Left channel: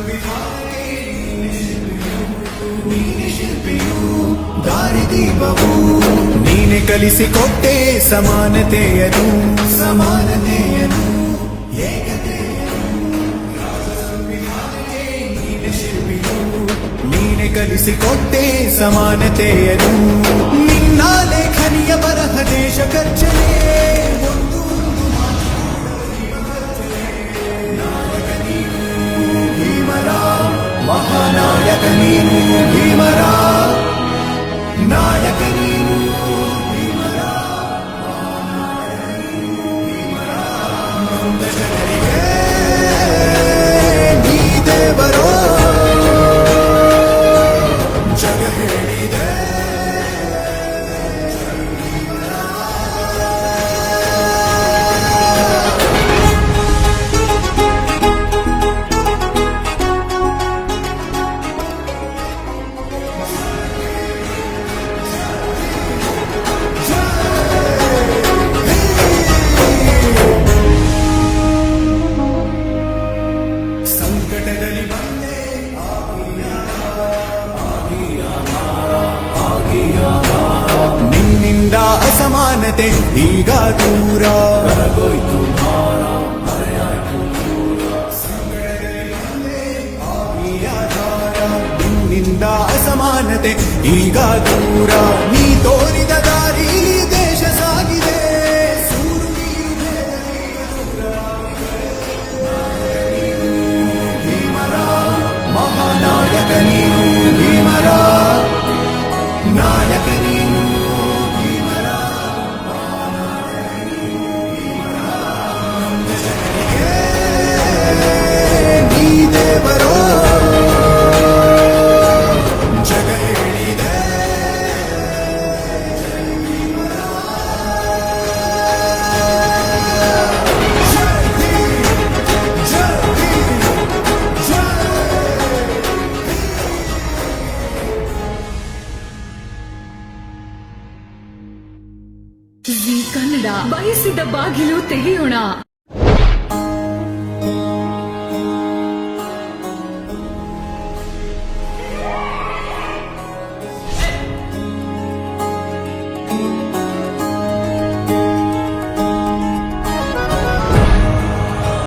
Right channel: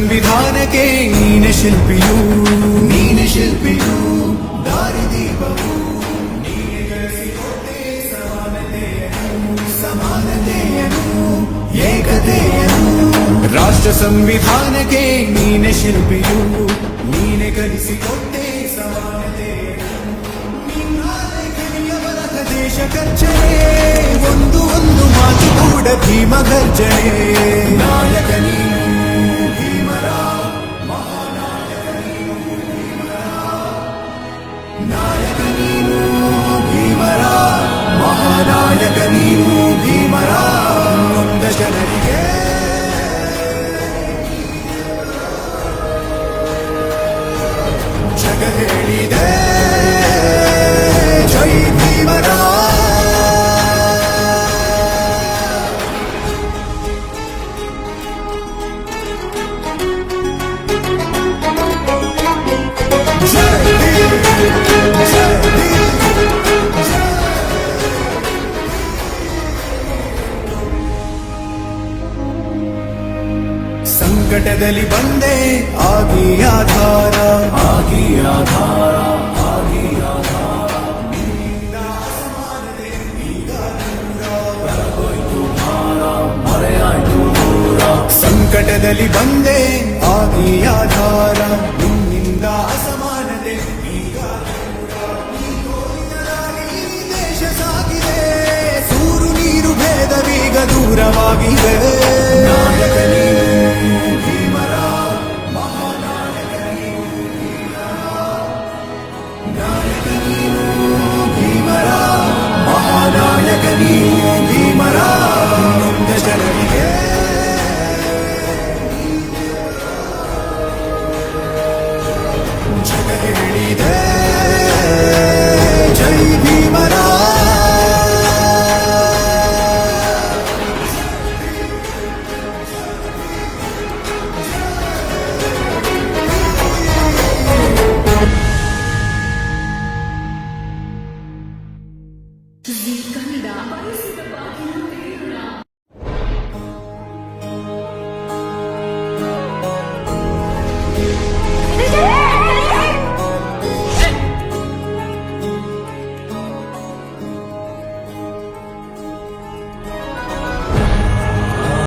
ಸಂವಿಧಾನಕ್ಕೆ ನೀನೆ ಶಿಲ್ಪಿಯು ದಾರಿದೀಪವು ನೀನೆ ಕಲಿಸಿಕೊಟ್ಟೆ ಸಮಾನತೆಯನು ಏಕತೆಯನು ರಾಷ್ಟ್ರ ಸಂವಿಧಾನಕ್ಕೆ ನೀನೆ ಶಿಲ್ಪಿಯು ನೀನೆ ಕಲಿಸಿಕೊಟ್ಟೆ ಸಮಾನತೆಯನು ನಿನ್ನ ಲೇಖನಿಯ ಬರಹ ದೇಶ ಗರ್ಜನೆ ಒಂದು ಮಾತು ಕೂಡ ಭೀಮ ಗರ್ಜನೆ ನಾಯಕ ನೀನು ಭೀಮರ ಮಹಾನಾಯಕ ನೀನು ಭೀಮರ ನಾಯಕ ನೀನು ಭೀಮರ ಮಹಾನಾಯಕ ನೀನು ಭೀಮರ ನೊಂದ ಜನರಿಗೆ ನೀ ದೇವರೋ ಜಗ ಹೇಳಿದೆ ಜೈ ಭೀಮರ ಸಂಕಟದಲ್ಲಿ ಬಂದೆ ಆಗಿ ಆಧಾರ ನಿನ್ನಿಂದ ಅಸಮಾನತೆ ಈಗ ದೂರ ಸಂಕಟದಲ್ಲಿ ಬಂದೆ ಆಗಿ ಆಧಾರ ನಿನ್ನಿಂದ ಅಸಮಾನತೆ ಈಗ ದೂರ ನೀ ತೋರಿದ ದಾರಿ ದೇಶ ಸಾಗಿದೆ ಸೂರು ನೀರು ಭೇದವೀಗ ದೂರವಾಗಿದೆ ನಾಯಕ ನೀನು ಭೀಮರ ಮಹಾನಾಯಕ ನೀನು ಭೀಮರ ನಾಯಕ ನೀನು ಭೀಮರ ಮಹಾನಾಯಕ ನೀನು ಭೀಮರ ನೊಂದ ಜನರಿಗೆ ನೀ ದೇವರೋ ಜಗ ಹೇಳಿದೆ ಜೈ ಭೀಮರ ಜೀ ಕನ್ನಡ ಬಯಸಿದ ಬಾಗಿಲು ತೆಗೆಯೋಣ.